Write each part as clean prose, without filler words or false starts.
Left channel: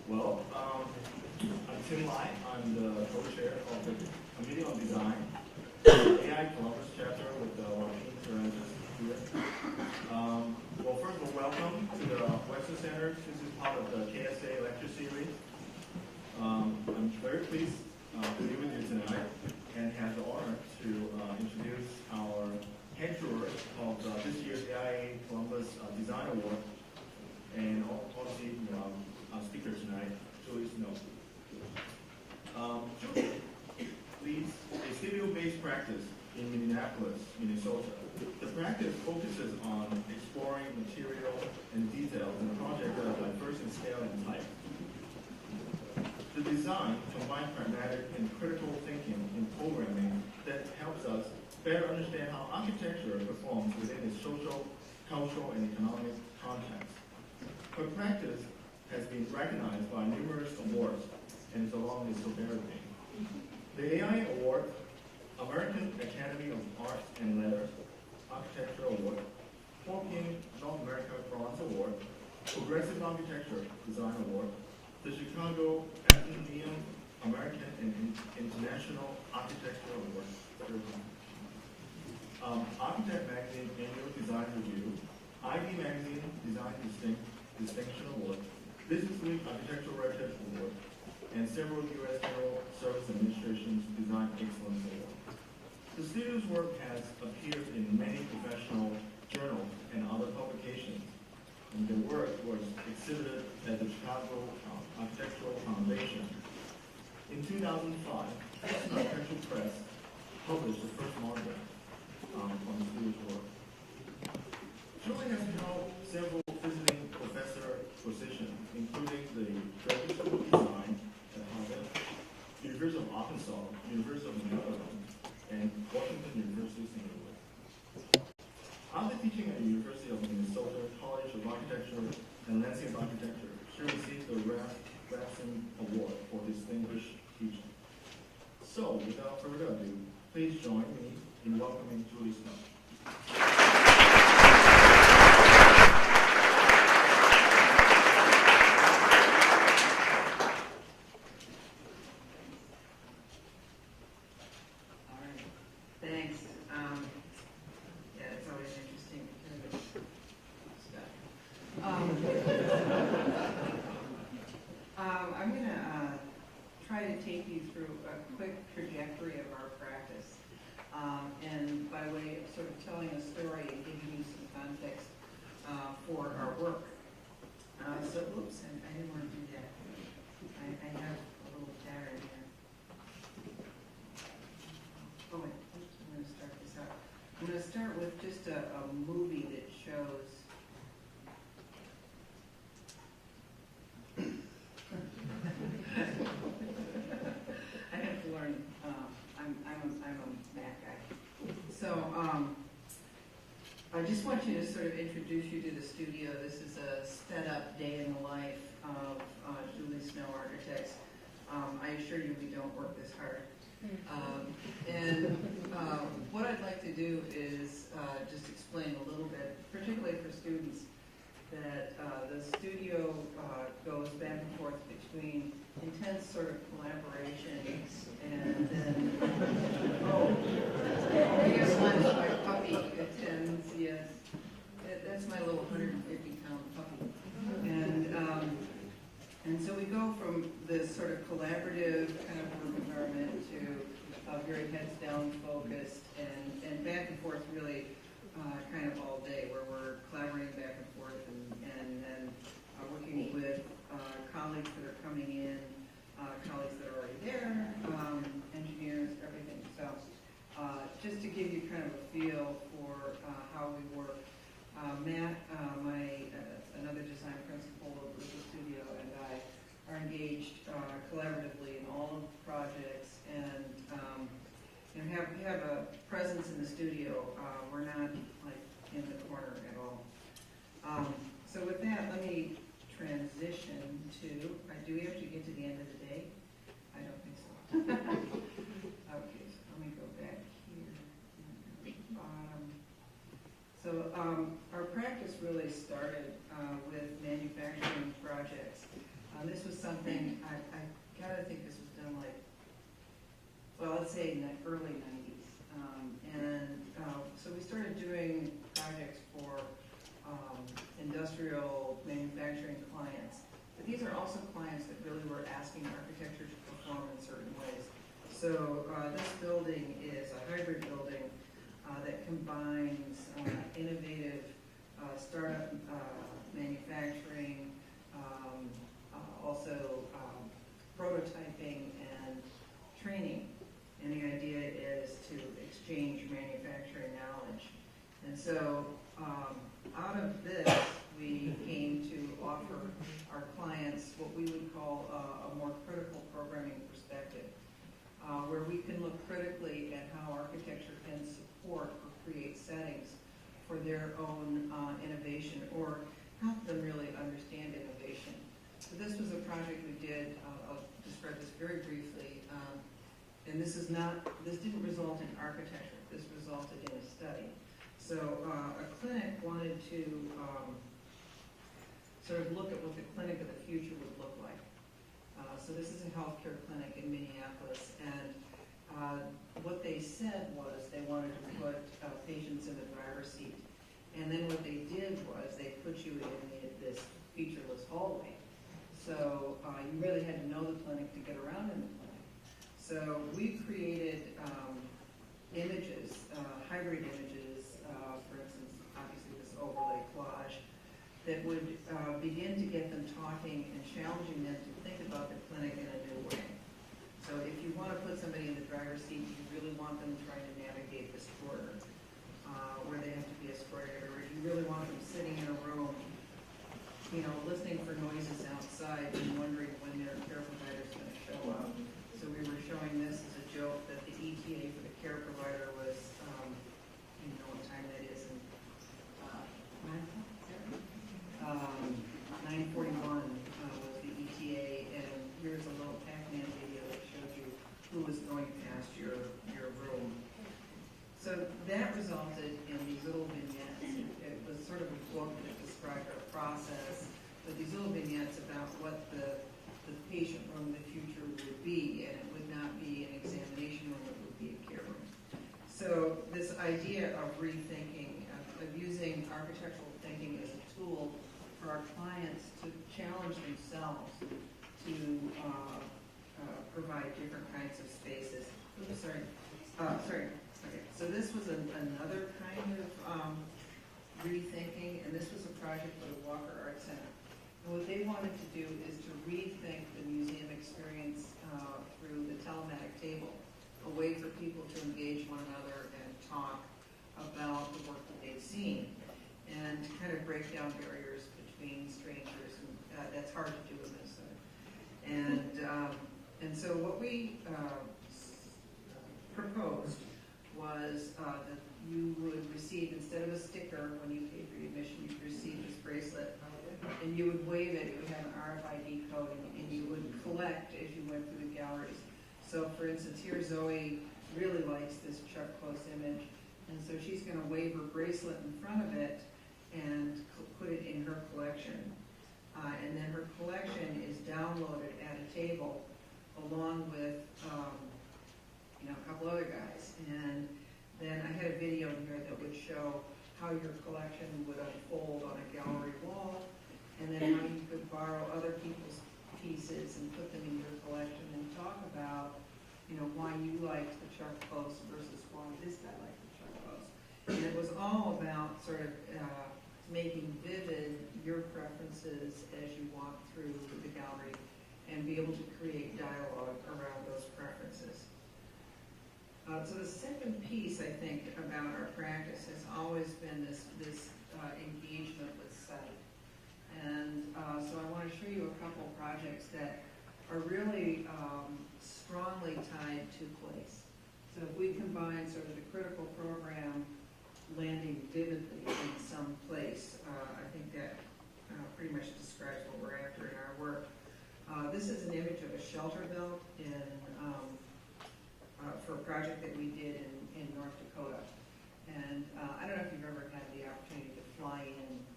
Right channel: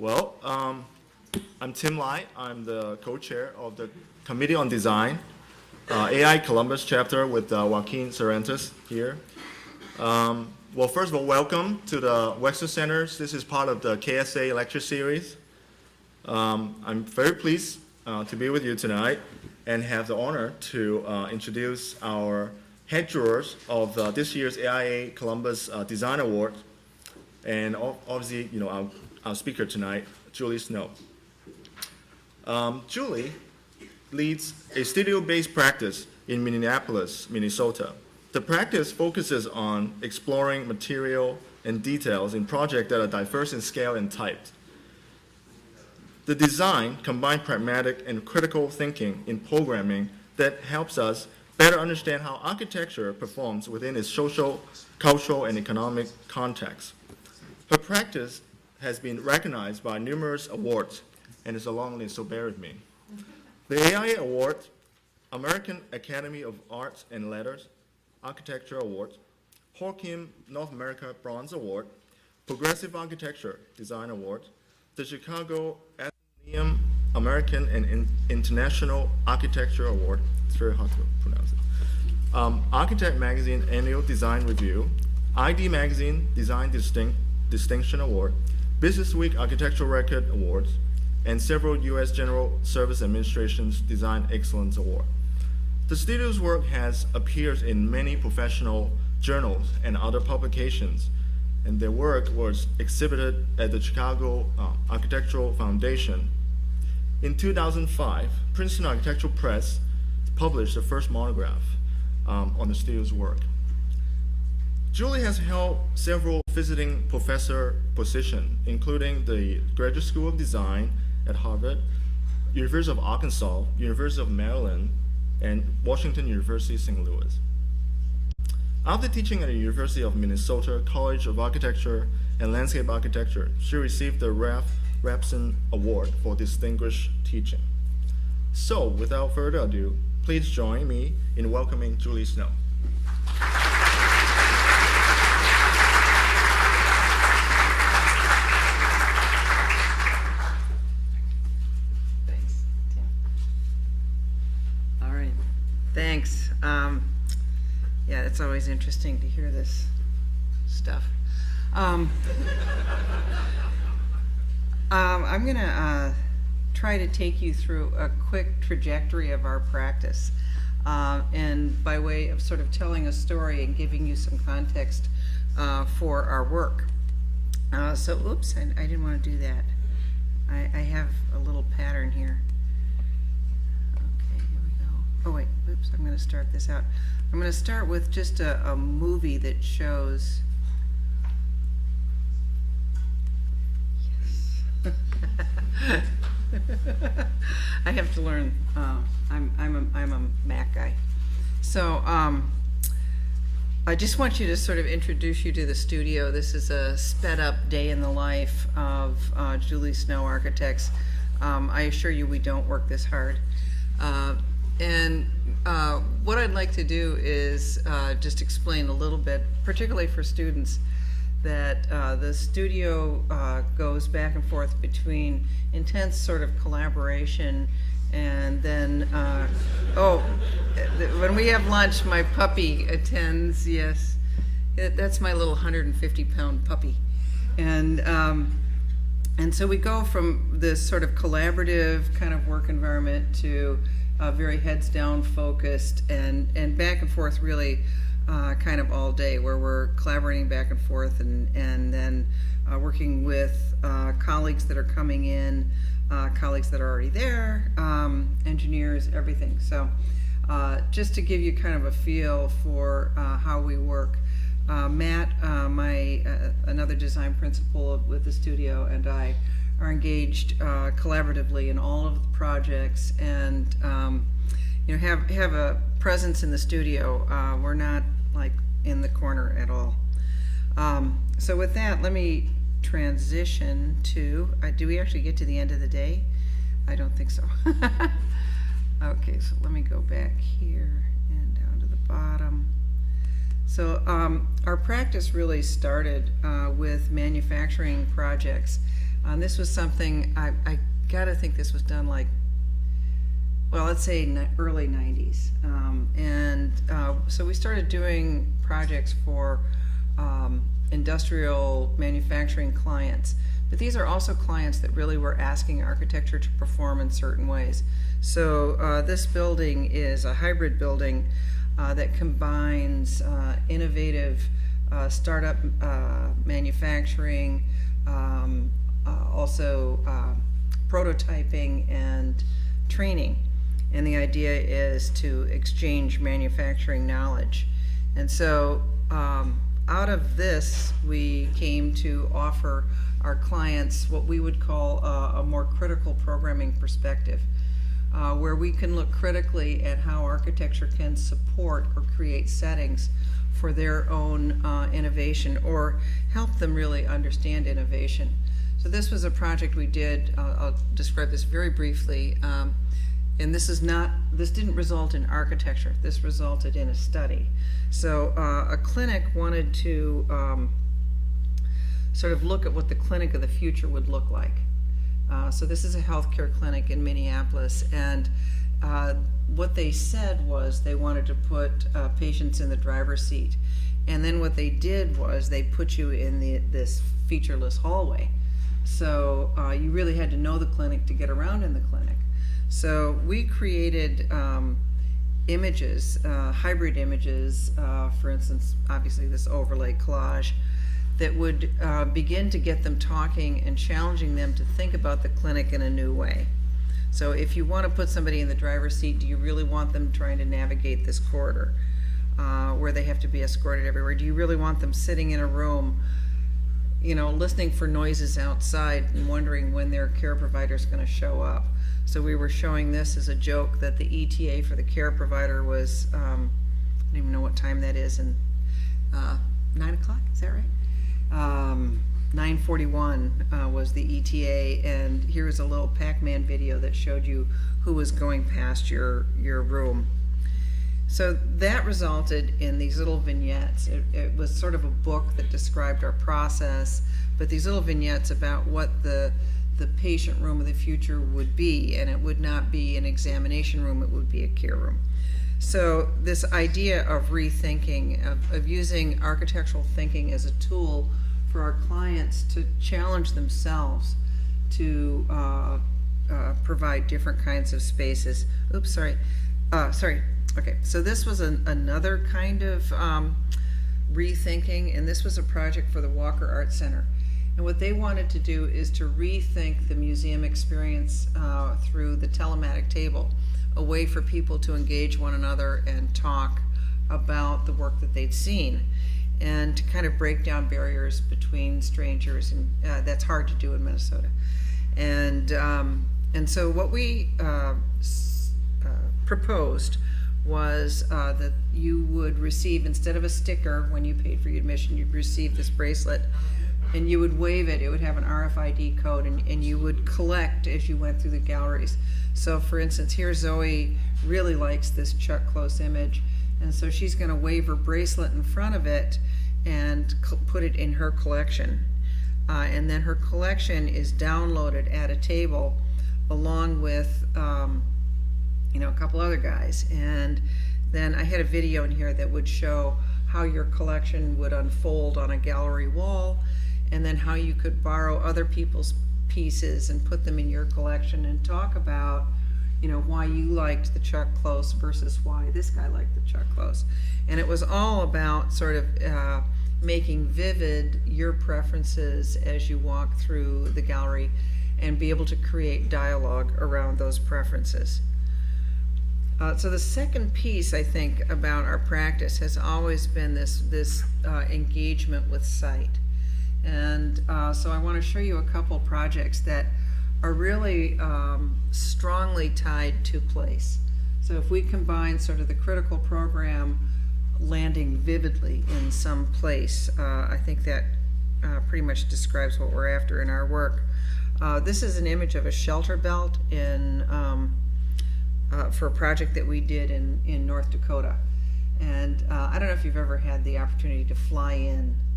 I'm Tim Lai. I'm the co-chair of the Committee on Design, AIA Columbus Chapter with Joaquin Cervantes here. First of all, welcome to the Wexner Center. This is part of the KSA Lecture Series. I'm very pleased to be with you tonight and have the honor to introduce our head jurors of this year's AIA Columbus Design Award, and obviously, our speaker tonight, Julie Snow. Julie leads a studio-based practice in Minneapolis, Minnesota. The practice focuses on exploring material and details in projects that are diverse in scale and type. The design combines pragmatic and critical thinking in programming that helps us better understand how architecture performs within its social, cultural, and economic context. Her practice has been recognized by numerous awards, and is a long list, so bear with me. The AIA Award, American Academy of Arts and Letters, Architecture Award, Horkin North America Bronze Award, Progressive Architecture Design Award, the Chicago Atheneum American and International Architecture Award, it's very hard to pronounce, Architect Magazine Annual Design Review, ID Magazine Design Distinction Award, Business Week Architectural Record Awards, and several U.S. General Service Administration's Design Excellence Award. The studio's work has appeared in many professional journals and other publications, and their work was exhibited at the Chicago Architectural Foundation. In 2005, Princeton Architectural Press published the first monograph on the studio's work. Julie has held several visiting professor positions, including the Graduate School of Design at Harvard, University of Arkansas, University of Maryland, and Washington University, St. Louis. After teaching at the University of Minnesota College of Architecture and Landscape Architecture, she received the Ralph Rapson Award for distinguished teaching. So, without further ado, please join me in welcoming Julie Snow. Thanks. Yeah, it's always interesting to hear this stuff. I'm going to try to take you through a quick trajectory of our practice, and by way of sort of telling a story and giving you some context for our work. Oops, I didn't want to do that. I have a little pattern here. Oh wait, oops, I'm going to start this out. I'm going to start with just a movie that shows. Yes. I have to learn. I'm a Mac guy. So I just want you to sort of introduce you to the studio. This is a sped up day in the life of Julie Snow Architects. I assure you we don't work this hard. And what I'd like to do is just explain a little bit, particularly for students, that the studio goes back and forth between intense sort of collaboration and then, when we have lunch, my puppy attends, yes, that's my little 150-pound puppy. And so we go from this sort of collaborative kind of work environment to very heads down focused and back and forth really kind of all day, where we're collaborating back and forth and then working with colleagues that are coming in, colleagues that are already there, engineers, everything. So just to give you kind of a feel for how we work, Matt, another design principal with the studio, and I are engaged collaboratively in all of the projects, and have a presence in the studio. We're not like in the corner at all. So with that, let me transition to, do we actually get to the end of the day? I don't think so. Okay, so let me go back here and down to the bottom. So our practice really started with manufacturing projects. This was something, I gotta think this was done like, well, let's say early 90s. So we started doing projects for industrial manufacturing clients. But these are also clients that really were asking architecture to perform in certain ways. So this building is a hybrid building that combines innovative startup manufacturing, also prototyping and training. And the idea is to exchange manufacturing knowledge. And so out of this, we came to offer our clients what we would call a more critical programming perspective, where we can look critically at how architecture can support or create settings for their own innovation, or help them really understand innovation. So this was a project we did. I'll describe this very briefly. And this didn't result in architecture. This resulted in a study. So a clinic wanted to sort of look at what the clinic of the future would look like. So this is a healthcare clinic in Minneapolis, and what they said was they wanted to put patients in the driver's seat. And then what they did was they put you in this featureless hallway. So you really had to know the clinic to get around in the clinic. So we created images, hybrid images, for instance, obviously this overlay collage, that would begin to get them talking and challenging them to think about the clinic in a new way. So if you want to put somebody in the driver's seat, do you really want them trying to navigate this corridor where they have to be escorted everywhere? Do you really want them sitting in a room, you know, listening for noises outside and wondering when their care provider is going to show up? So we were showing this as a joke that the ETA for the care provider was, I don't even know what time that is, and 9 o'clock, is that right? 9:41 was the ETA, and here's a little Pac-Man video that showed you who was going past your room. So that resulted in these little vignettes. It was sort of a book that described our process, but these little vignettes about what the patient room of the future would be, and it would not be an examination room, it would be a care room. So this idea of rethinking, of using architectural thinking as a tool for our clients to challenge themselves to provide different kinds of spaces. Oops, sorry. Okay, so this was another kind of rethinking, and this was a project for the Walker Art Center. And what they wanted to do is to rethink the museum experience through the telematic table, a way for people to engage one another and talk about the work that they'd seen, and to kind of break down barriers between strangers, and that's hard to do in Minnesota. And so what we proposed was that you would receive, instead of a sticker when you paid for your admission, you'd receive this bracelet, and you would wave it. It would have an RFID code, and you would collect as you went through the galleries. So for instance, here Zoe really likes this Chuck Close image, and so she's going to wave her bracelet in front of it and put it in her collection. And then her collection is downloaded at a table along with a couple other guys. And then I had a video in here that would show how your collection would unfold on a gallery wall, and then how you could borrow other people's pieces and put them in your collection and talk about, why you liked the Chuck Close versus why this guy liked the Chuck Close. And it was all about sort of making vivid your preferences as you walk through the gallery and be able to create dialogue around those preferences. So the second piece, I think, about our practice has always been this engagement with sight. And so I want to show you a couple projects that are really strongly tied to place. So if we combine sort of the critical program landing vividly in some place, I think that pretty much describes what we're after in our work. This is an image of a shelter belt for a project that we did in North Dakota. And I don't know if you've ever had the opportunity to fly in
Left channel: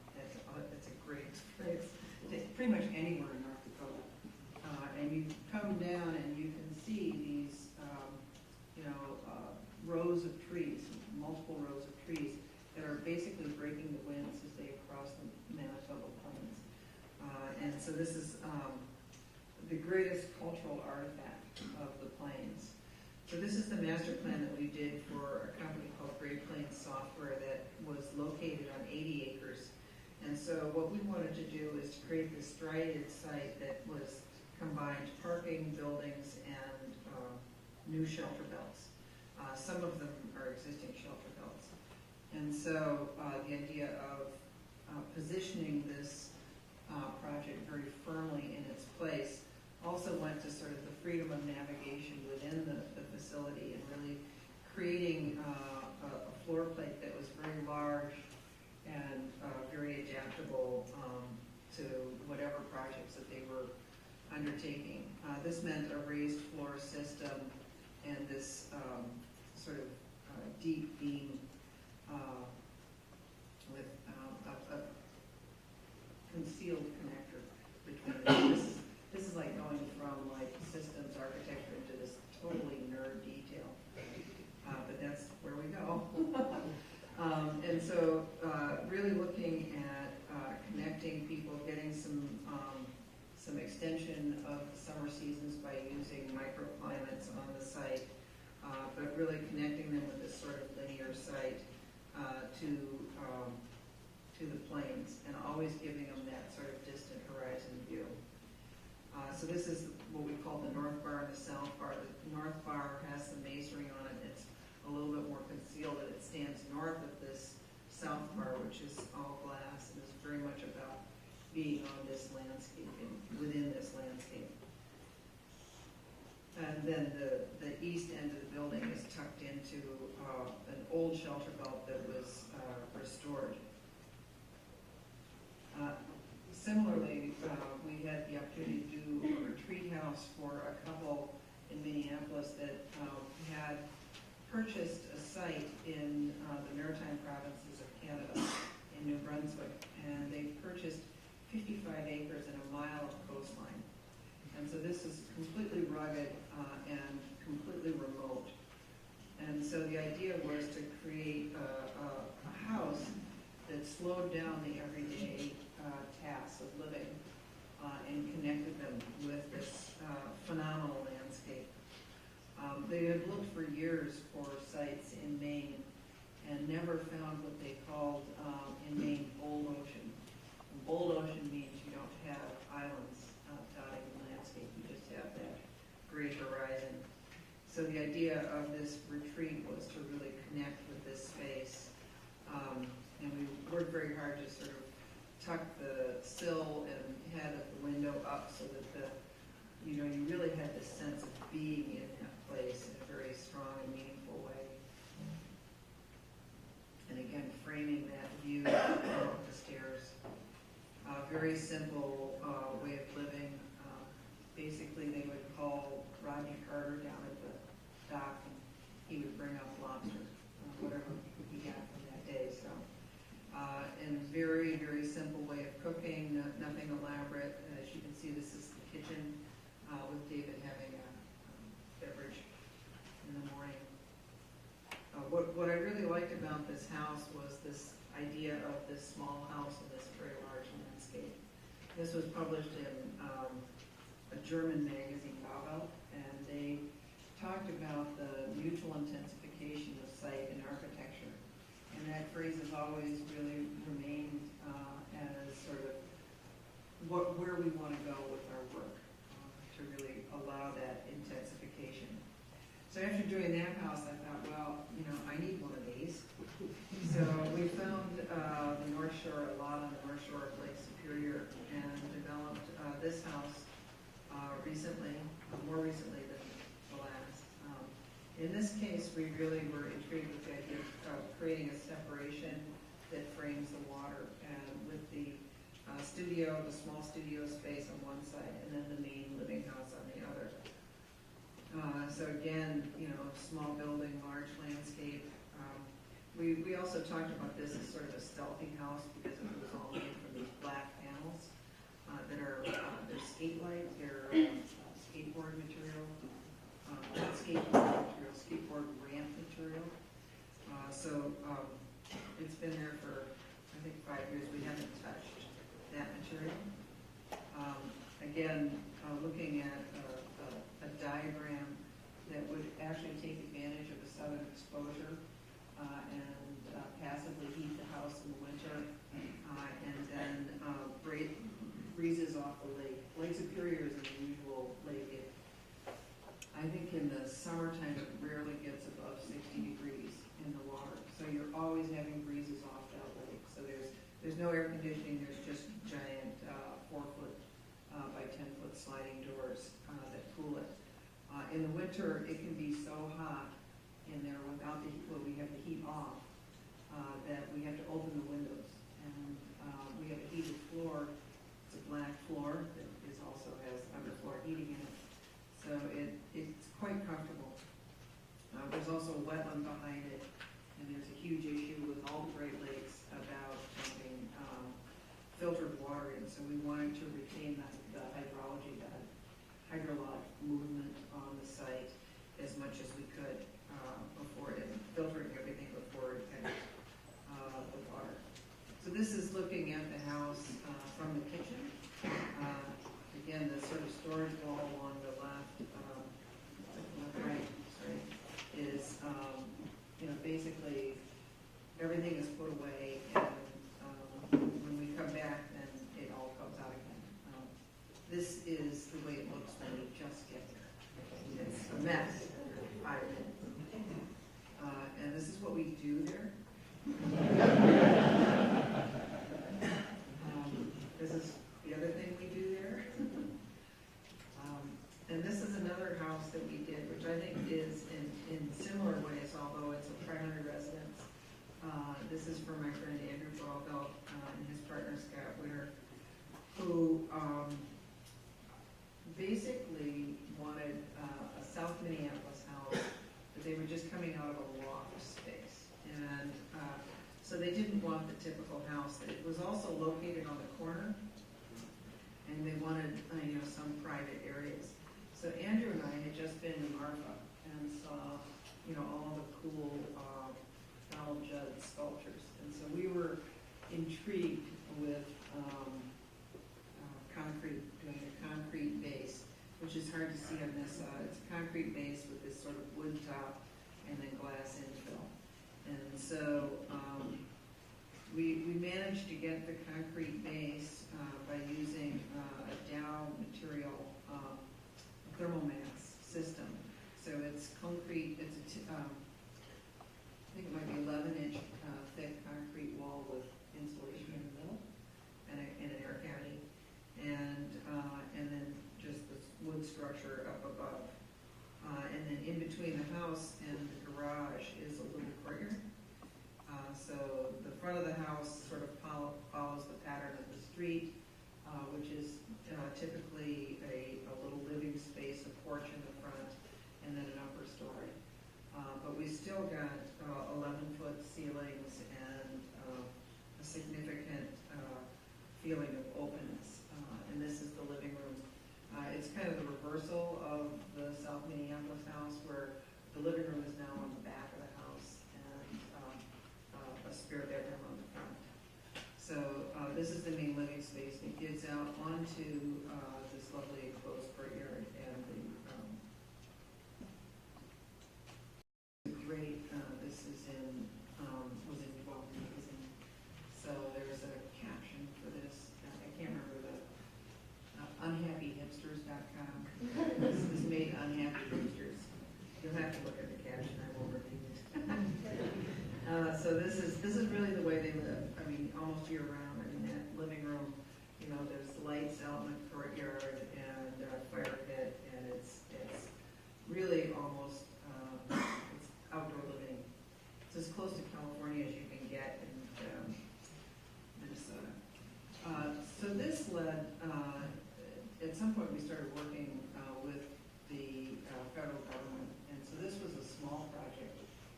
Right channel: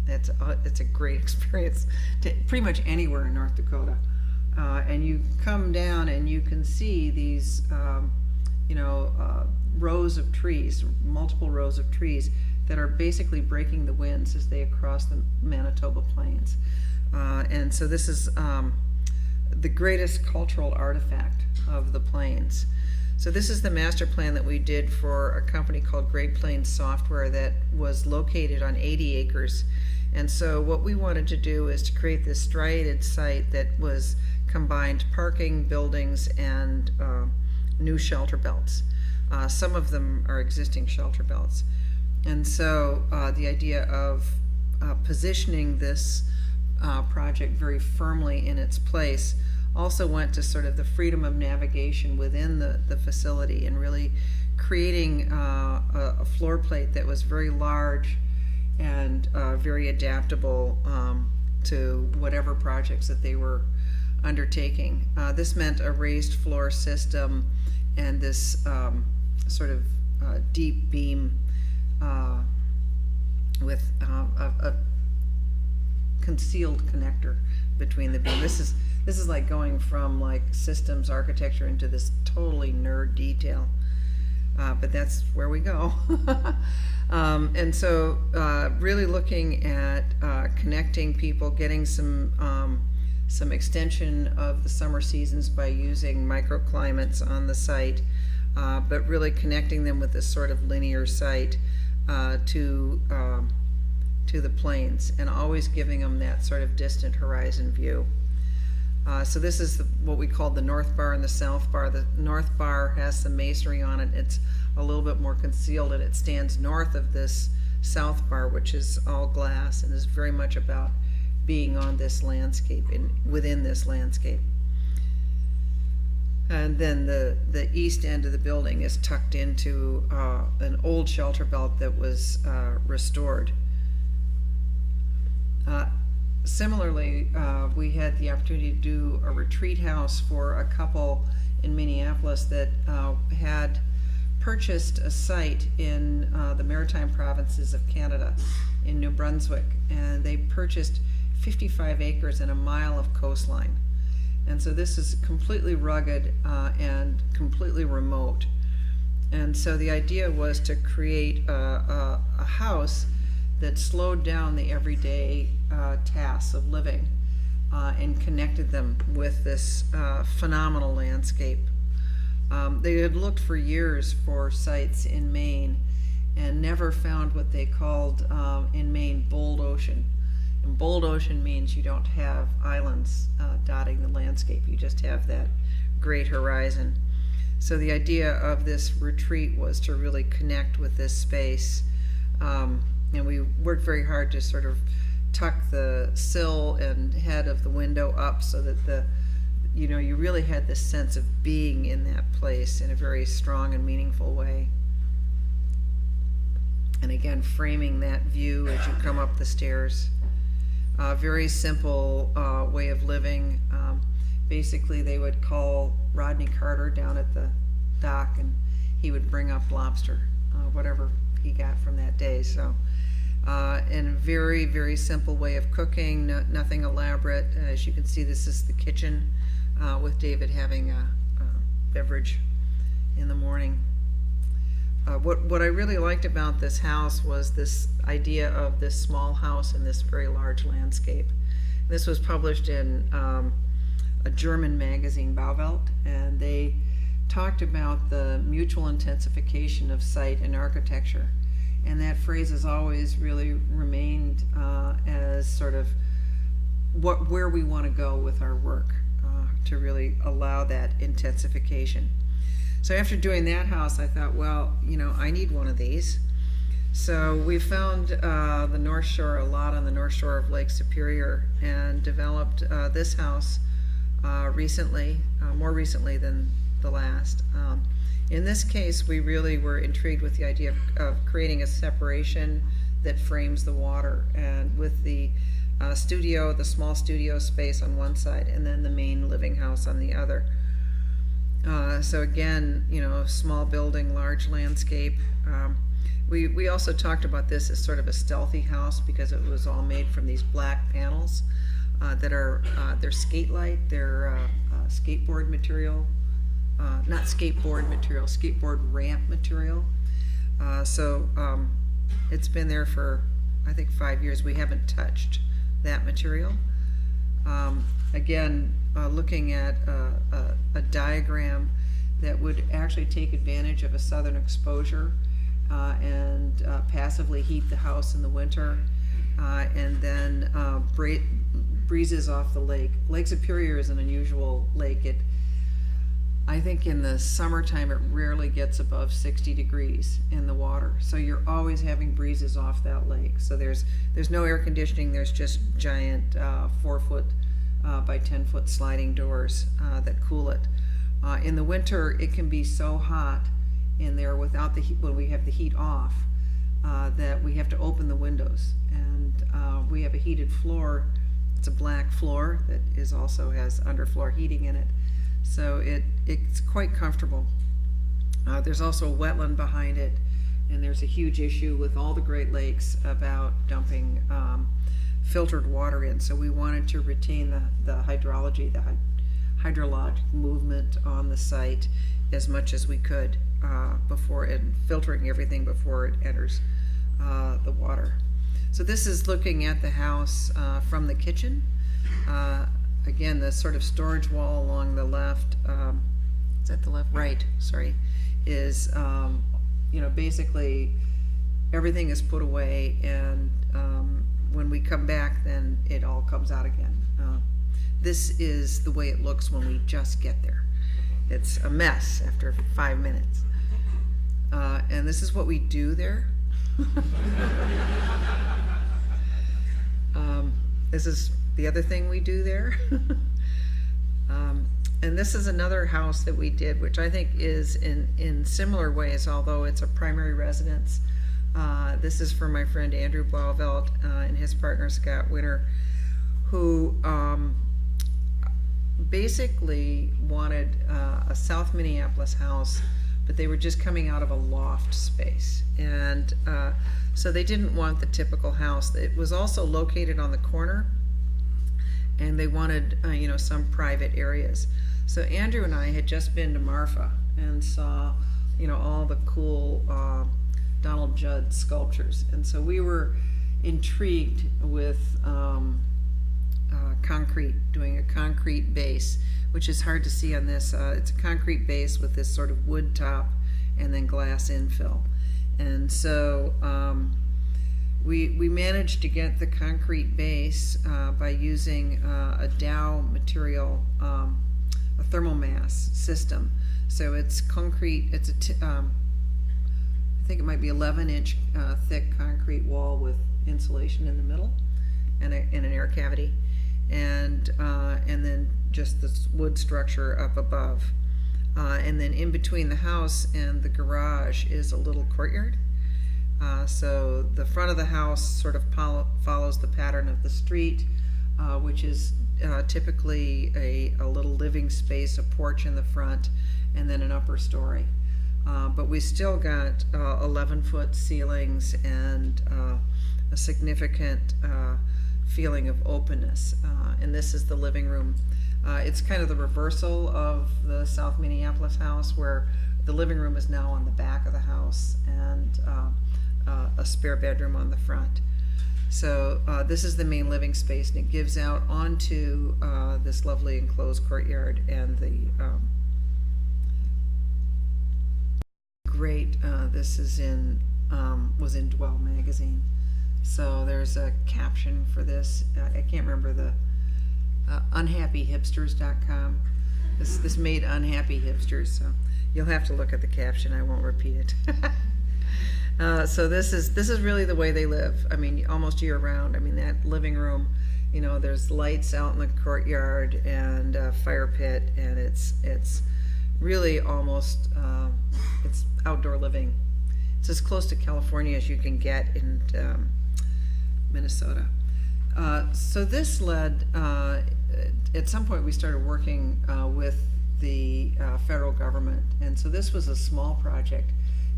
it's a great experience to pretty much anywhere in North Dakota. And you come down and you can see these, rows of trees, multiple rows of trees that are basically breaking the winds as they cross the Manitoba Plains. And so this is the greatest cultural artifact of the plains. So this is the master plan that we did for a company called Great Plains Software that was located on 80 acres. And so what we wanted to do is to create this striated site that was combined parking, buildings, and new shelter belts. Some of them are existing shelter belts. And so the idea of positioning this project very firmly in its place also went to sort of the freedom of navigation within the facility and really creating a floor plate that was very large and very adaptable to whatever projects that they were undertaking. This meant a raised floor system and this sort of deep beam with a concealed connector between the beam. This is like going from like systems architecture into this totally nerd detail, but that's where we go. And so really looking at connecting people, getting some extension of the summer seasons by using microclimates on the site, but really connecting them with this sort of linear site to the plains, and always giving them that sort of distant horizon view. So this is what we call the north bar and the south bar. The north bar has some masonry on it. It's a little bit more concealed, and it stands north of this south bar, which is all glass and is very much about being on this landscape and within this landscape. And then the east end of the building is tucked into an old shelter belt that was restored. Similarly, we had the opportunity to do a retreat house for a couple in Minneapolis that had purchased a site in the Maritime Provinces of Canada in New Brunswick, and they purchased 55 acres and a mile of coastline. And so this is completely rugged and completely remote. And so the idea was to create a house that slowed down the everyday tasks of living and connected them with this phenomenal landscape. They had looked for years for sites in Maine and never found what they called in Maine bold ocean. And bold ocean means you don't have islands dotting the landscape, you just have that great horizon. So the idea of this retreat was to really connect with this space. And we worked very hard to sort of tuck the sill and head of the window up so that you really had this sense of being in that place in a very strong and meaningful way. And again, framing that view as you come up the stairs. Very simple way of living. Basically, they would call Rodney Carter down at the dock, and he would bring up lobster, whatever he got from that day. So, and a very, very simple way of cooking, nothing elaborate. As you can see, this is the kitchen with David having a beverage in the morning. What I really liked about this house was this idea of this small house in this very large landscape. This was published in a German magazine, Bauwelt, and they talked about the mutual intensification of site and architecture. And that phrase has always really remained as sort of where we want to go with our work to really allow that intensification. So after doing that house, I thought, well, I need one of these. So we found the North Shore, a lot on the North Shore of Lake Superior, and developed this house recently, more recently than the last. In this case, we really were intrigued with the idea of creating a separation that frames the water, and with the studio, the small studio space on one side, and then the main living house on the other. So again, small building, large landscape. We also talked about this as sort of a stealthy house because it was all made from these black panels that are they're skate-like, they're skateboard material, not skateboard material, skateboard ramp material. So it's been there for, I think, 5 years. We haven't touched that material. Again, looking at a diagram that would actually take advantage of a southern exposure and passively heat the house in the winter, and then breezes off the lake. Lake Superior is an unusual lake. I think in the summertime it rarely gets above 60 degrees in the water, so you're always having breezes off that lake. So there's no air conditioning, there's just giant 4-foot by 10-foot sliding doors that cool it. In the winter it can be so hot in there without the heat, when we have the heat off, that we have to open the windows, and we have a heated floor. It's a black floor that also has underfloor heating in it. So it's quite comfortable. There's also a wetland behind it, and there's a huge issue with all the Great Lakes about dumping filtered water in. So we wanted to retain the hydrology, the hydrologic movement on the site as much as we could before it, filtering everything before it enters the water. So this is looking at the house from the kitchen. Again, the sort of storage wall along the left, is that the left? Right, sorry, is, you know, basically everything is put away, and when we come back, then it all comes out again. This is the way it looks when we just get there. It's a mess after 5 minutes. And this is what we do there. This is the other thing we do there. And this is another house that we did, which I think is in similar ways, although it's a primary residence. This is for my friend Andrew Blauvelt and his partner Scott Winter, who basically wanted a South Minneapolis house, but they were just coming out of a loft space. And so they didn't want the typical house. It was also located on the corner, and they wanted you know, some private areas. So Andrew and I had just been to Marfa and saw, you know, all the cool Donald Judd sculptures, and so we were intrigued with doing a concrete base, which is hard to see on this. It's a concrete base with this sort of wood top and then glass infill. And so we managed to get the concrete base by using a Dow material, a thermal mass system. So it's concrete, it's I think it might be 11-inch thick concrete wall with insulation in the middle and an air cavity, and then just this wood structure up above. And then in between the house and the garage is a little courtyard. So the front of the house sort of follows the pattern of the street, which is typically a little living space, a porch in the front, and then an upper story. But we still got 11-foot ceilings and a significant feeling of openness. And this is the living room. It's kind of the reversal of the South Minneapolis house, where the living room is now on the back of the house, and a spare bedroom on the front. So this is the main living space, and it gives out onto this lovely enclosed courtyard, and the great, this is was in Dwell magazine. So there's a caption for this. I can't remember the unhappyhipsters.com. This made unhappy hipsters, so you'll have to look at the caption. I won't repeat it. So this is really the way they live. I mean, almost year round. I mean, that living room, you know, there's lights out in the courtyard and a fire pit, and it's really almost it's outdoor living. It's as close to California as you can get in Minnesota. So this led, at some point we started working with the federal government, and so this was a small project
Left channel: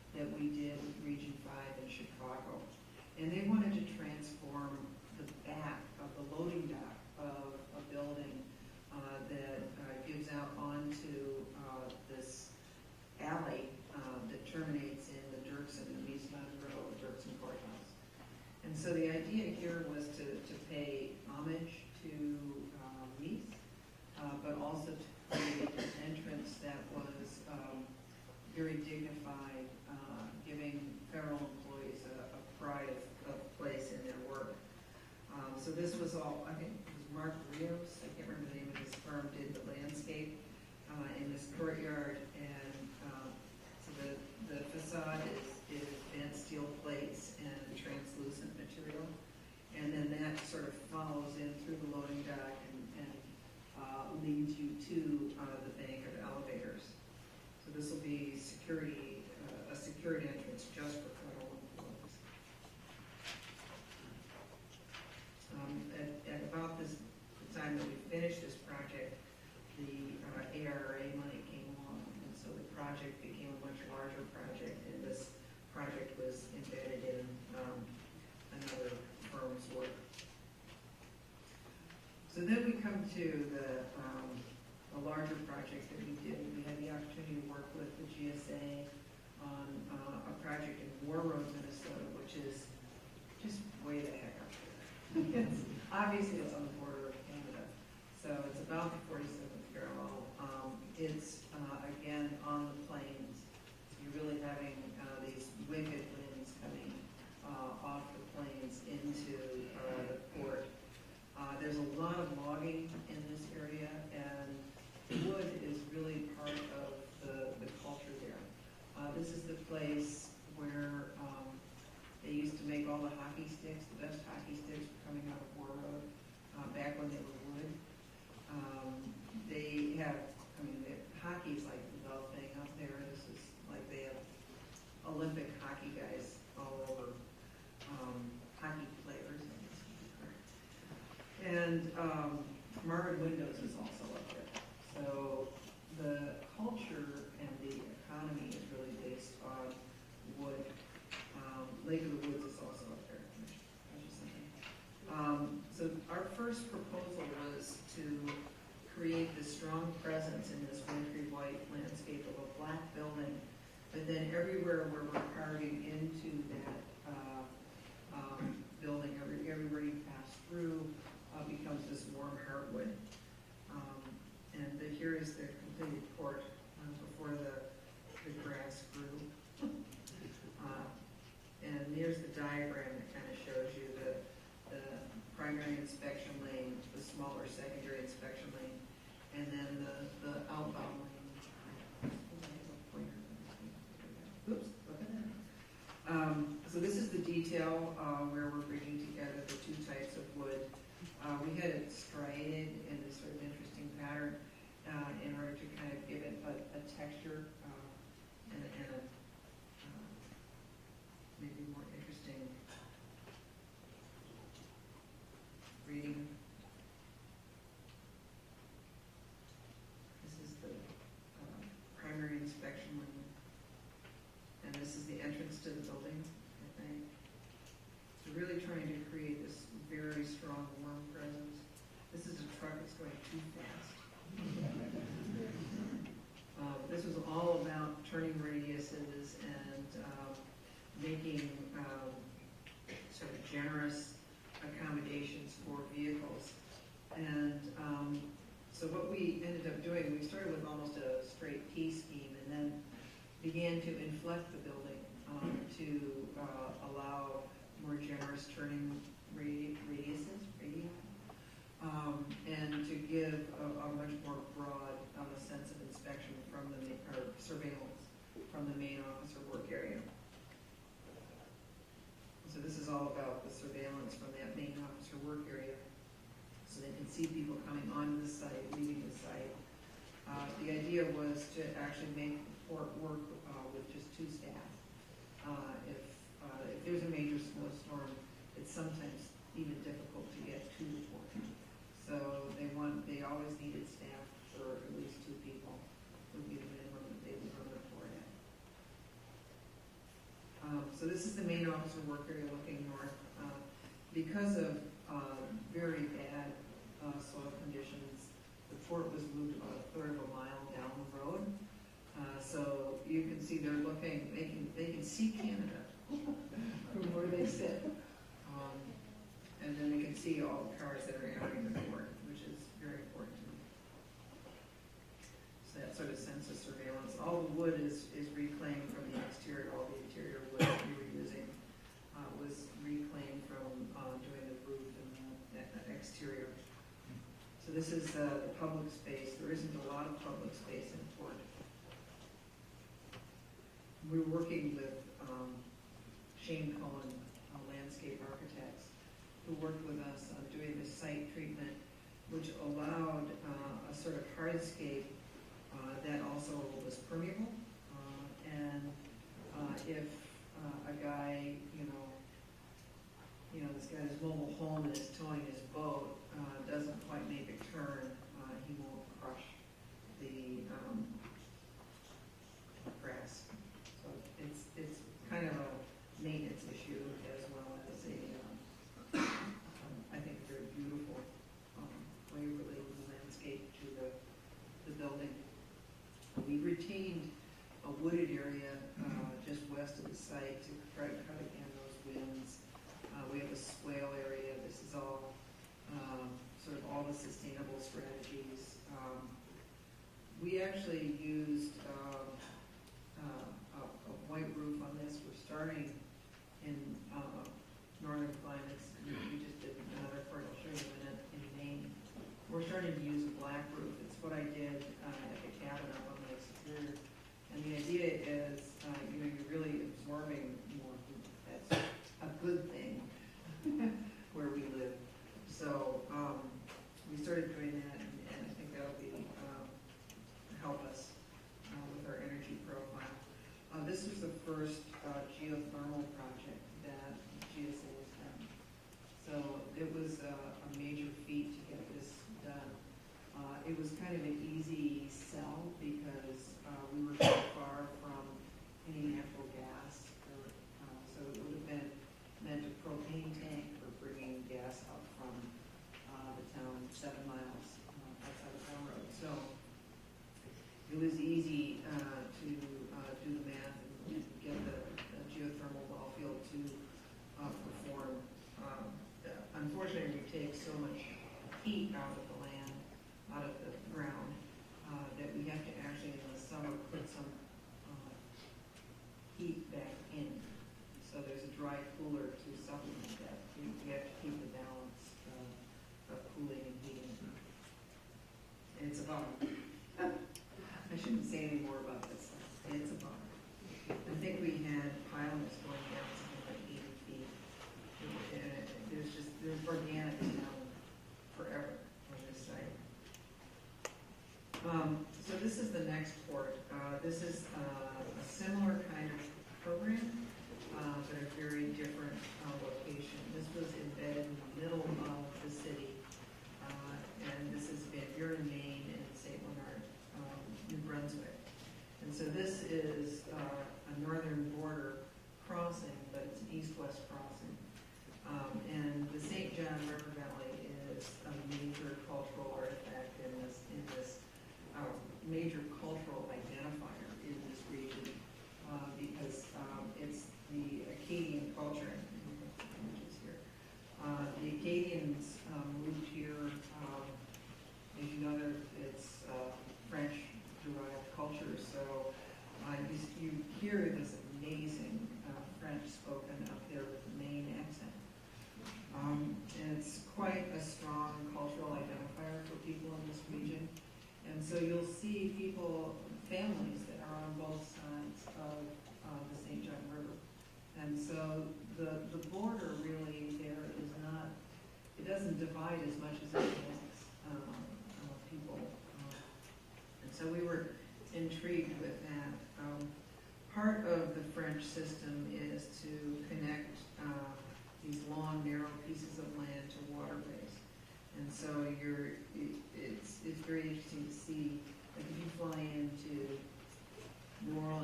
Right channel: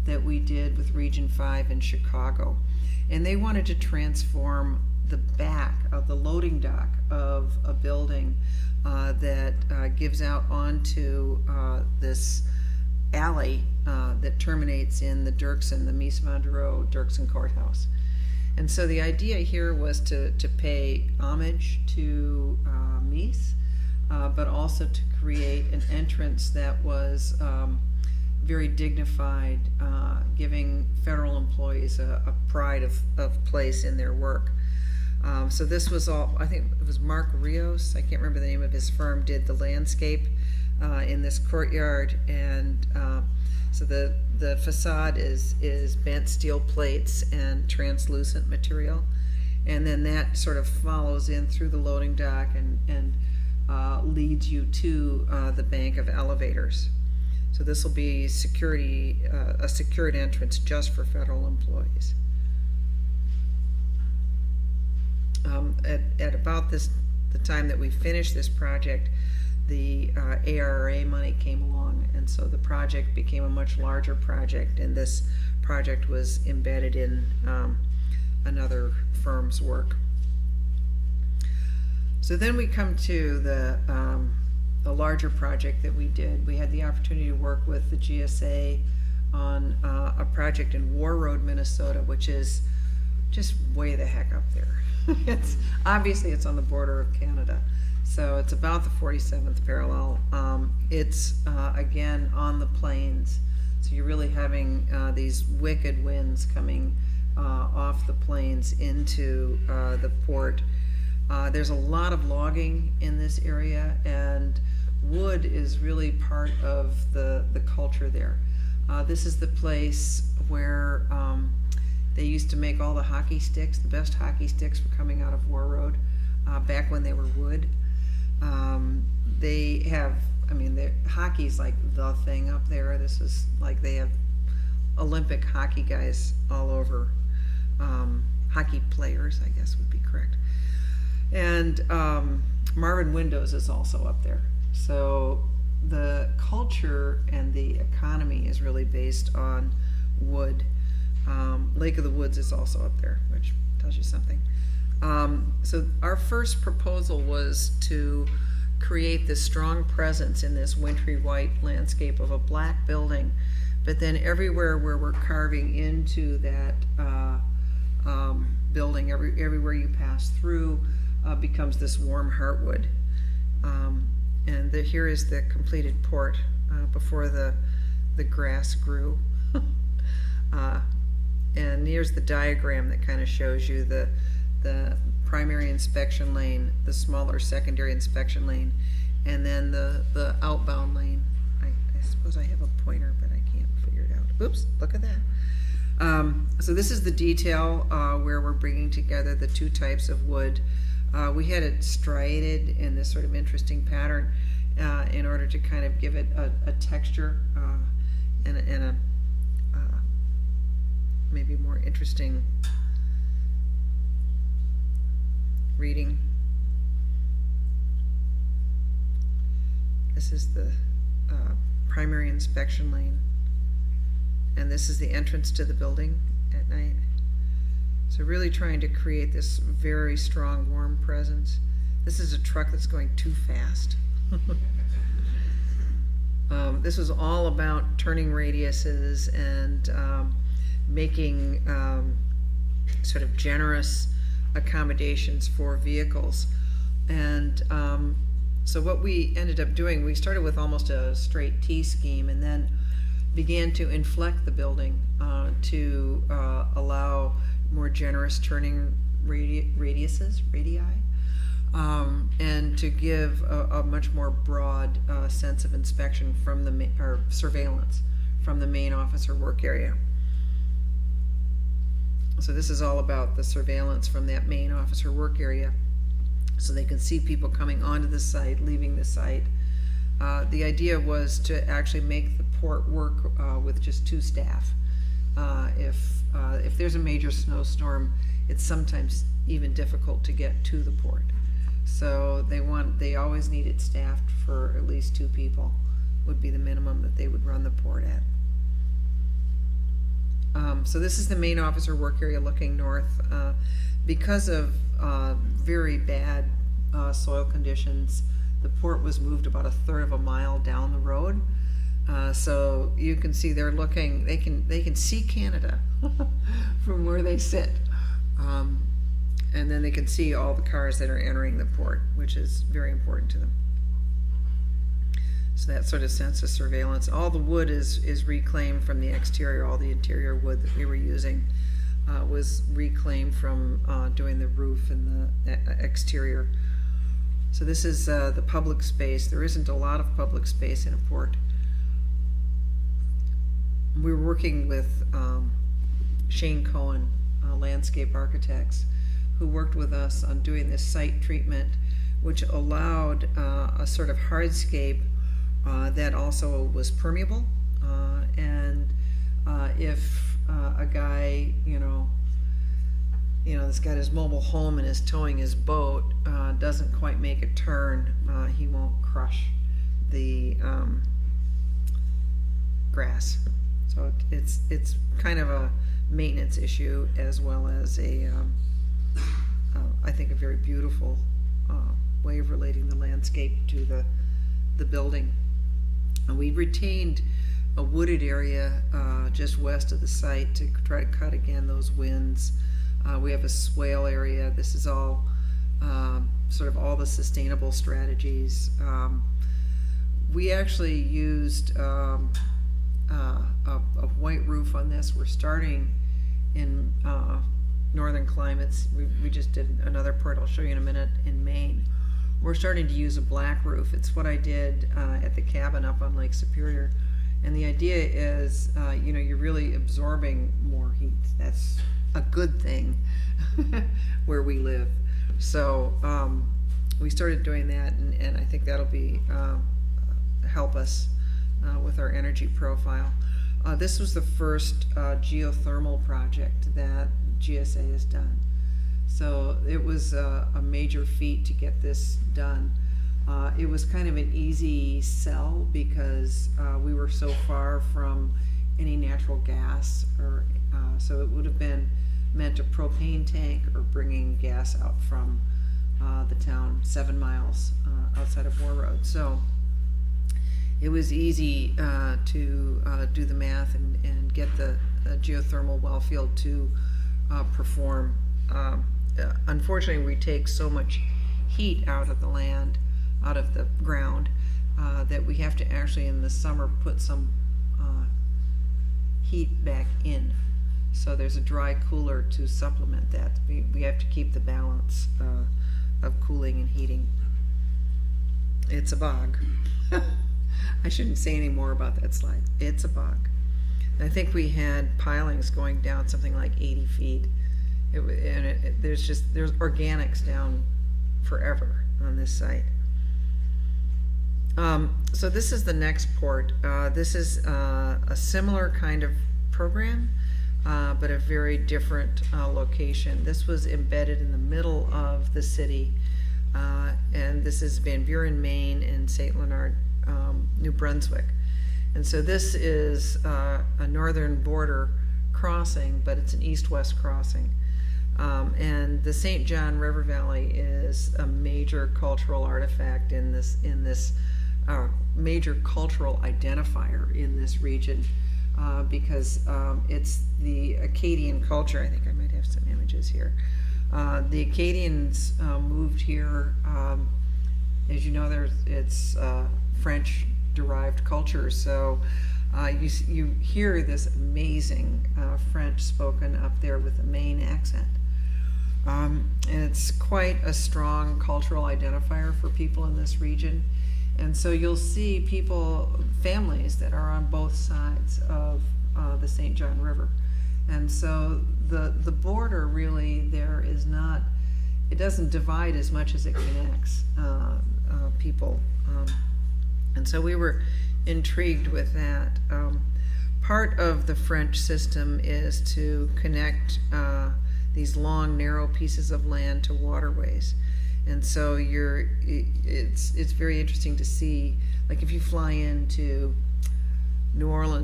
that we did with Region 5 in Chicago. And they wanted to transform the back of the loading dock of a building that gives out onto this alley that terminates in the Dirksen, the Mies van der Rohe Dirksen Courthouse. And so the idea here was to pay homage to Mies, but also to create an entrance that was very dignified, giving federal employees a pride of place in their work. So this was all, I think it was Mark Rios, I can't remember the name of his firm, did the landscape in this courtyard. And so the facade is bent steel plates and translucent material. And then that sort of follows in through the loading dock and leads you to the bank of elevators. So this will be security, a secured entrance just for federal employees. At about the time that we finished this project, the ARA money came along, and so the project became a much larger project, and this project was embedded in another firm's work. So then we come to the larger project that we did. We had the opportunity to work with the GSA on a project in War Road, Minnesota, which is just way the heck up there. Obviously it's on the border of Canada. So it's about the 47th parallel. It's again on the plains. So you're really having these wicked winds coming off the plains into the port. There's a lot of logging in this area, and wood is really part of the culture there. This is the place where they used to make all the hockey sticks. The best hockey sticks were coming out of War Road back when they were wood. They have, I mean, hockey's like the thing up there. This is like they have Olympic hockey guys all over. Hockey players, I guess would be correct. And Marvin Windows is also up there. So the culture and the economy is really based on wood. Lake of the Woods is also up there, which tells you something. So our first proposal was to create this strong presence in this wintry white landscape of a black building, but then everywhere where we're carving into that building, everywhere you pass through becomes this warm heartwood. And here is the completed port before the grass grew. And here's the diagram that kind of shows you the primary inspection lane, the smaller secondary inspection lane, and then the outbound lane. I suppose I have a pointer, but I can't figure it out. Oops, look at that. So this is the detail where we're bringing together the two types of wood. We had it striated in this sort of interesting pattern in order to kind of give it a texture and a maybe more interesting reading. This is the primary inspection lane, and this is the entrance to the building at night. So really trying to create this very strong, warm presence. This is a truck that's going too fast. This was all about turning radiuses and making sort of generous accommodations for vehicles. And so what we ended up doing, we started with almost a straight T scheme and then began to inflect the building to allow more generous turning radii, and to give a much more broad sense of inspection from the or surveillance from the main officer work area. So this is all about the surveillance from that main officer work area, so they can see people coming onto the site, leaving the site. The idea was to actually make the port work with just 2 staff. If there's a major snowstorm, it's sometimes even difficult to get to the port. So they always needed staffed for at least 2 people would be the minimum that they would run the port at. So this is the main officer work area looking north. Because of very bad soil conditions, the port was moved about 1/3 of a mile down the road. So you can see they're looking, they can see Canada from where they sit. And then they can see all the cars that are entering the port, which is very important to them. So that sort of sense of surveillance. All the wood is reclaimed from the exterior. All the interior wood that they were using was reclaimed from doing the roof and the exterior. So this is the public space. There isn't a lot of public space in a port. We were working with Shane Cohen, landscape architects, who worked with us on doing this site treatment, which allowed a sort of hardscape that also was permeable. And if a guy, that's got his mobile home and is towing his boat, doesn't quite make a turn, he won't crush the grass. So it's kind of a maintenance issue as well as I think a very beautiful way of relating the landscape to the building. And we retained a wooded area just west of the site to try to cut again those winds. We have a swale area. This is all sort of all the sustainable strategies. We actually used a white roof on this. We're starting in northern climates. We just did another part I'll show you in a minute in Maine. We're starting to use a black roof. It's what I did at the cabin up on Lake Superior. And the idea is, you're really absorbing more heat. That's a good thing where we live. So we started doing that, and I think that'll be help us with our energy profile. This was the first geothermal project that GSA has done. So it was a major feat to get this done. It was kind of an easy sell because we were so far from any natural gas, or so it would have been meant a propane tank or bringing gas out from the town 7 miles outside of War Road. So it was easy to do the math and get the geothermal well field to perform. Unfortunately, we take so much heat out of the land, out of the ground, that we have to actually in the summer put some heat back in. So there's a dry cooler to supplement that. We have to keep the balance of cooling and heating. It's a bog. I shouldn't say any more about that slide. It's a bog. I think we had pilings going down something like 80 feet. There's organics down forever on this site. So this is the next port. This is a similar kind of program, but a very different location. This was embedded in the middle of the city, and this is Van Buren, Maine, and St. Leonard, New Brunswick. And so this is a northern border crossing, but it's an east-west crossing. And the St. John River Valley is a major cultural artifact in this major cultural identifier in this region, because it's the Acadian culture. I think I might have some images here. The Acadians moved here. As you know, it's French-derived culture, so you hear this amazing French spoken up there with a Maine accent. And it's quite a strong cultural identifier for people in this region. And so you'll see families that are on both sides of the St. John River. And so the border really there is not, it doesn't divide as much as it connects people. And so we were intrigued with that. Part of the French system is to connect these long, narrow pieces of land to waterways. And so it's very interesting to see, like if you fly into New Orleans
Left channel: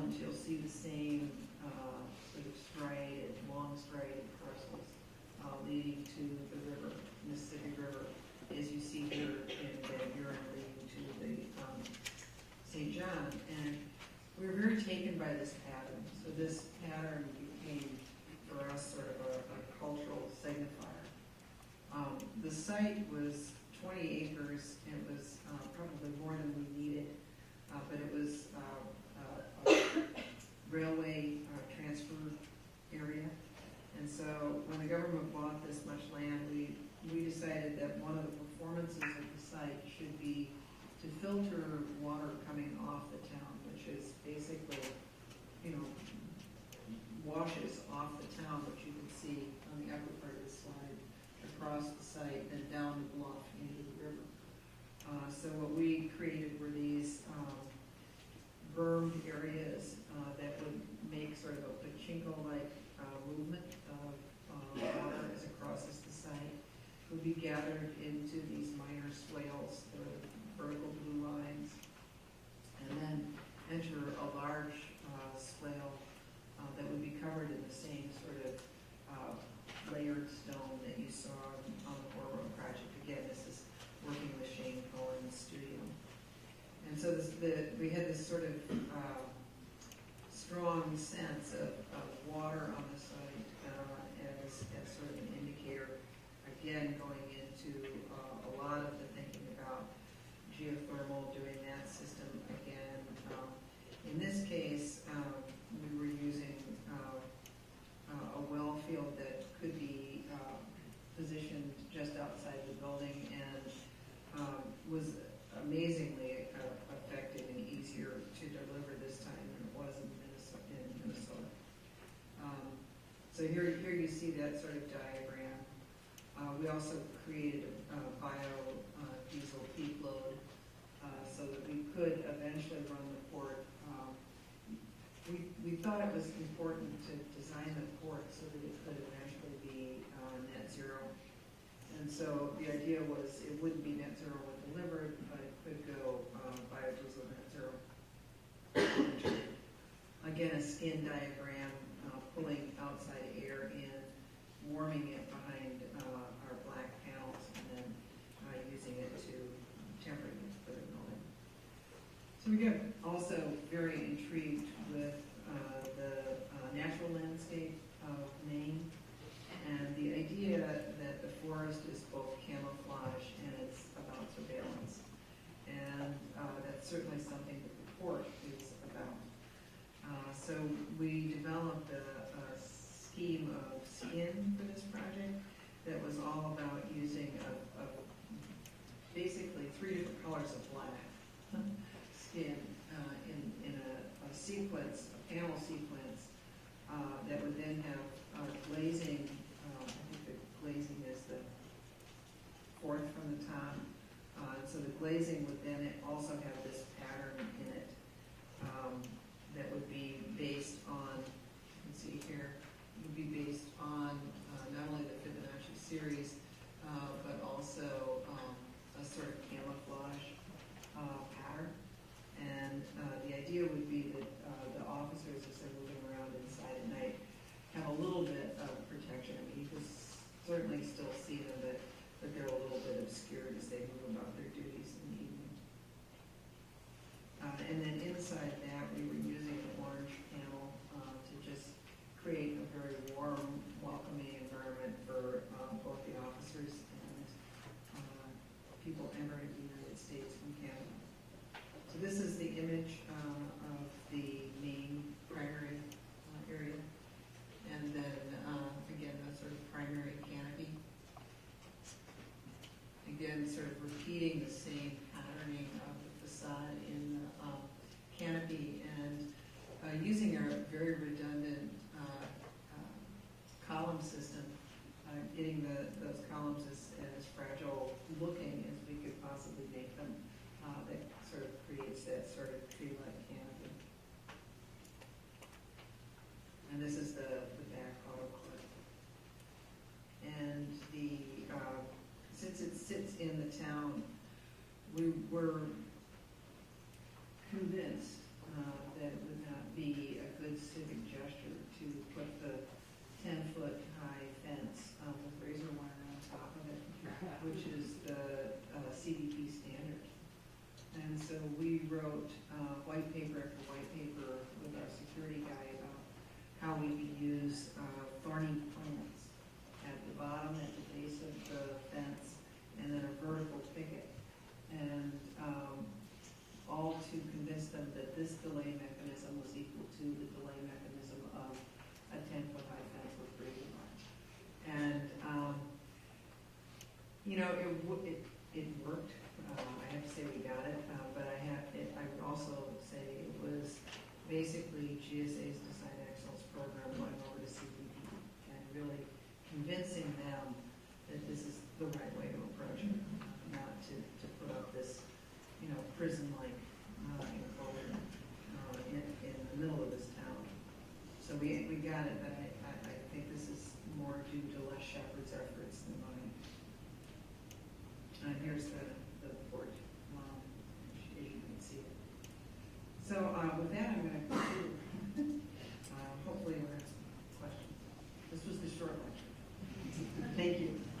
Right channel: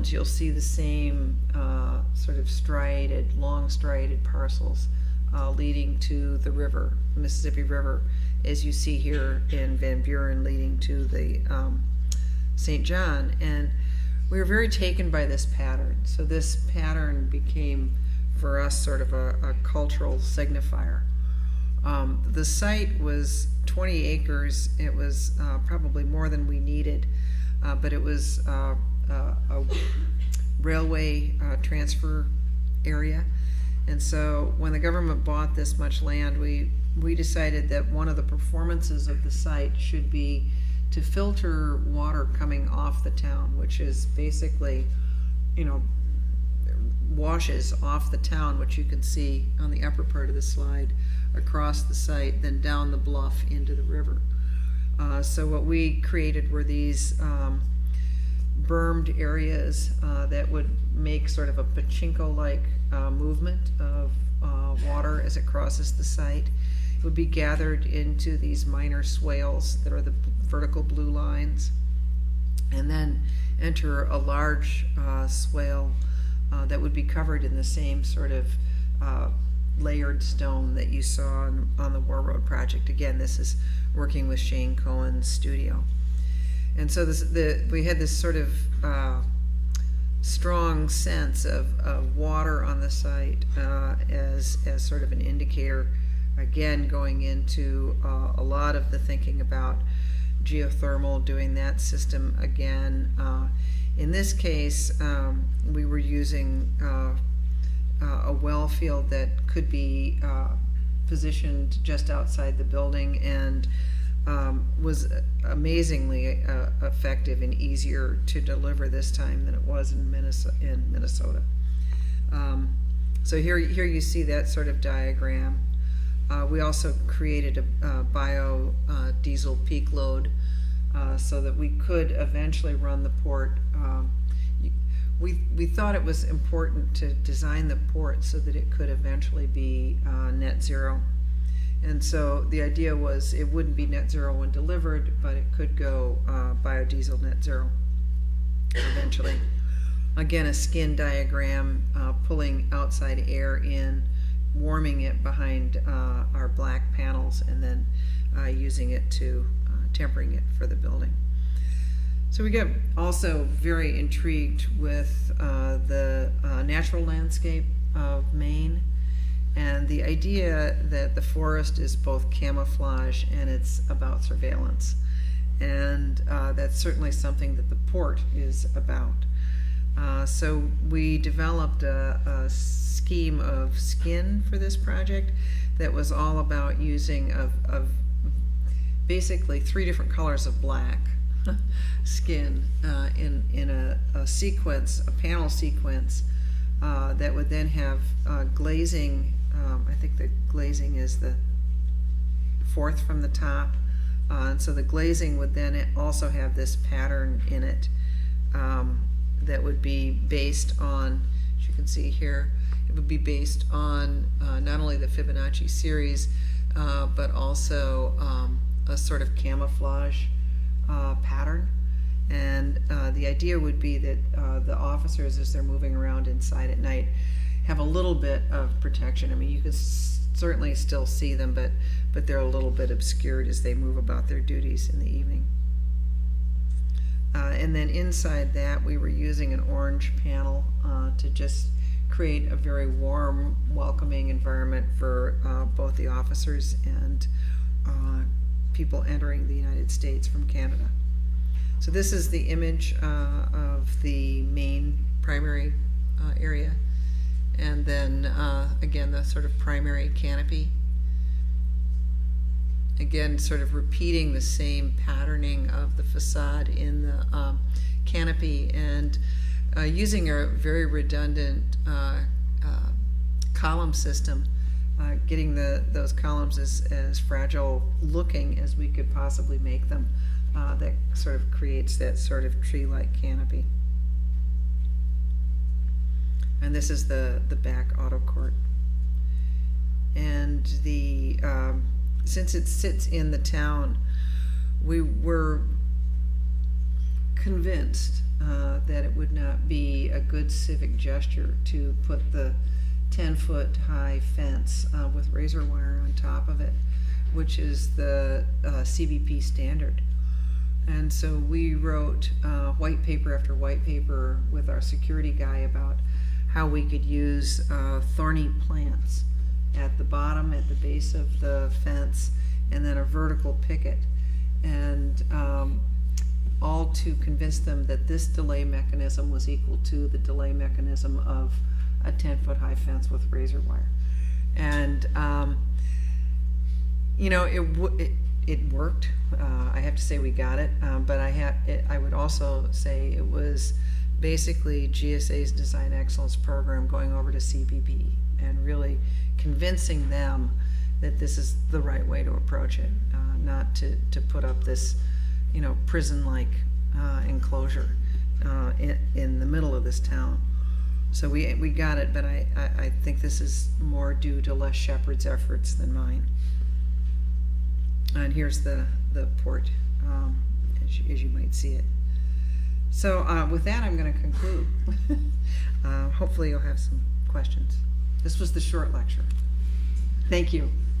zones, you'll see the same sort of long striated parcels leading to the river, Mississippi River, as you see here in Van Buren leading to the St. John. And we were very taken by this pattern. So this pattern became, for us, sort of a cultural signifier. The site was 20 acres. It was probably more than we needed, but it was a railway transfer area. And so when the government bought this much land, we decided that one of the performances of the site should be to filter water coming off the town, which is basically, washes off the town, which you can see on the upper part of the slide, across the site, then down the bluff into the river. So what we created were these bermed areas that would make sort of a pachinko-like movement of water as it crosses the site. It would be gathered into these minor swales that are the vertical blue lines, and then enter a large swale that would be covered in the same sort of layered stone that you saw on the War Road project. Again, this is working with Shane Cohen's studio. And so we had this sort of strong sense of water on the site as sort of an indicator, again, going into a lot of the thinking about geothermal, doing that system again. In this case, we were using a well field that could be positioned just outside the building, and was amazingly effective and easier to deliver this time than it was in Minnesota. So here you see that sort of diagram. We also created a biodiesel peak load so that we could eventually run the port. We thought it was important to design the port so that it could eventually be net zero. And so the idea was it wouldn't be net zero when delivered, but it could go biodiesel net zero eventually. Again, a skin diagram pulling outside air in, warming it behind our black panels, and then using it to tempering it for the building. So we get also very intrigued with the natural landscape of Maine, and the idea that the forest is both camouflage and it's about surveillance. And that's certainly something that the port is about. So we developed a scheme of skin for this project that was all about using of basically 3 different colors of black skin in a sequence, a panel sequence that would then have glazing. I think the glazing is the 4th from the top. And so the glazing would then also have this pattern in it that would be based on, as you can see here, it would be based on not only the Fibonacci series, but also a sort of camouflage pattern. And the idea would be that the officers, as they're moving around inside at night, have a little bit of protection. I mean, you can certainly still see them, but they're a little bit obscured as they move about their duties in the evening. And then inside that, we were using an orange panel to just create a very warm, welcoming environment for both the officers and people entering the United States from Canada. So this is the image of the main primary area, and then again the sort of primary canopy. Again, sort of repeating the same patterning of the facade in the canopy, and using a very redundant column system, getting those columns as fragile looking as we could possibly make them. That sort of creates that sort of tree-like canopy. And this is the back auto court. And the since it sits in the town, we were convinced that it would not be good civic gesture to put the 10-foot high fence with razor wire on top of it, which is the CBP standard. And so we wrote white paper after white paper with our security guy about how we could use thorny plants at the bottom, at the base of the fence, and then a vertical picket, and all to convince them that this delay mechanism was equal to the delay mechanism of a 10-foot high fence with razor wire. And you know, it worked. I have to say we got it, but I would also say it was basically GSA's Design Excellence program going over to CBP and really convincing them that this is the right way to approach it, not to put up this, you know, prison-like enclosure in the middle of this town. So we got it, but I think this is more due to Les Shepard's efforts than mine. And here's the port, as you might see it. So with that, I'm going to conclude. Hopefully you'll have some questions. This was the short lecture. Thank you.